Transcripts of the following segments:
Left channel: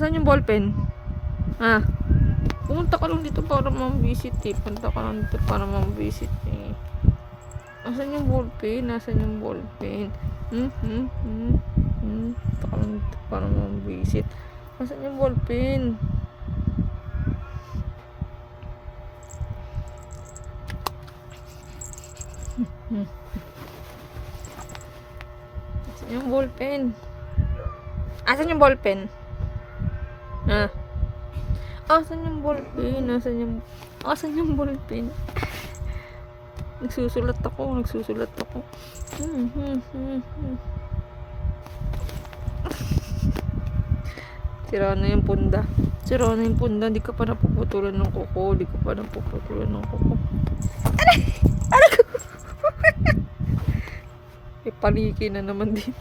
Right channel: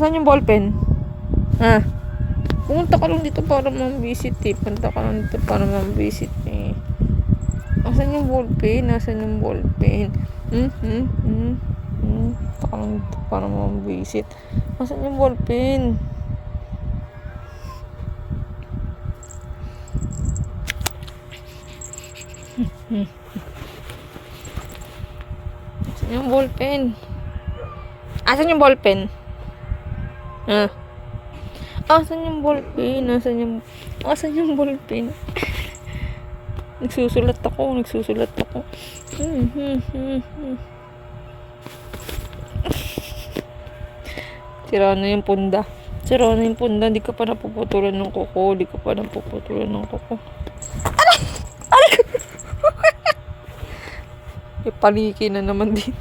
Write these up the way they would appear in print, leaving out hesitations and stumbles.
Asan yung ballpen? Ha? Pumunta ka lang dito para mambisit eh. Punta ka lang dito para mambisit eh. Asan yung ballpen? Asan yung ballpen? Punta ka lang dito para mambisit. Asan yung ballpen? Asan yung ballpen? Asan yung ballpen? Ha? Asan yung ballpen? Asan yung ballpen? Nagsusulat ako. Sira na yung punda. Di ka pa napuputulan ng kuko. Aray ko! Paniki na naman din.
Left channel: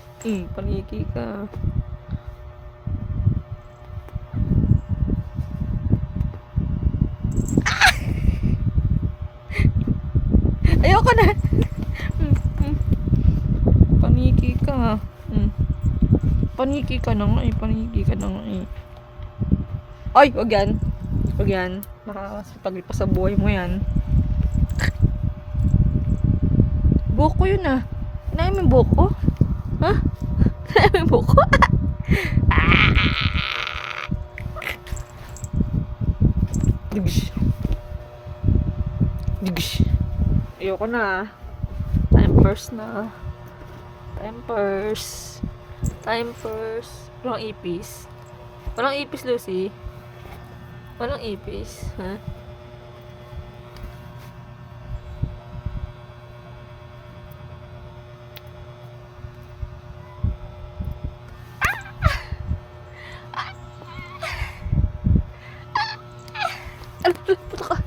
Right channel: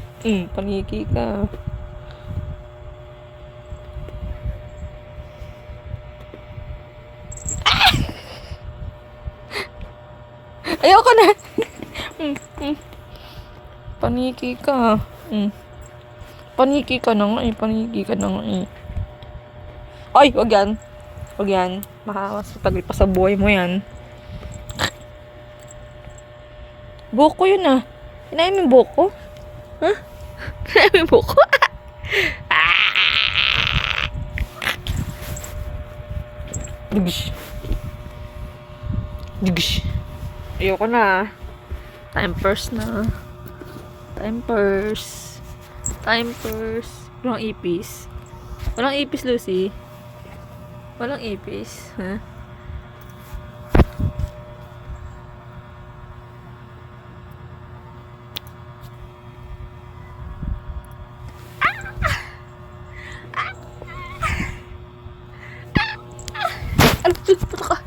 Paniki ka. Ayoko na. Paniki ka. Paniki ka na nga eh. Ay, wag yan. Makakasatagal pa sa buhay mo yan. Buko yun ah. Kinain mo yung buko? Ha? Kinain mo yung buko? Digish. Ayoko na. Time purse. Walang ipis, Lucy. Walang ipis. Ha? Ay, puto ka.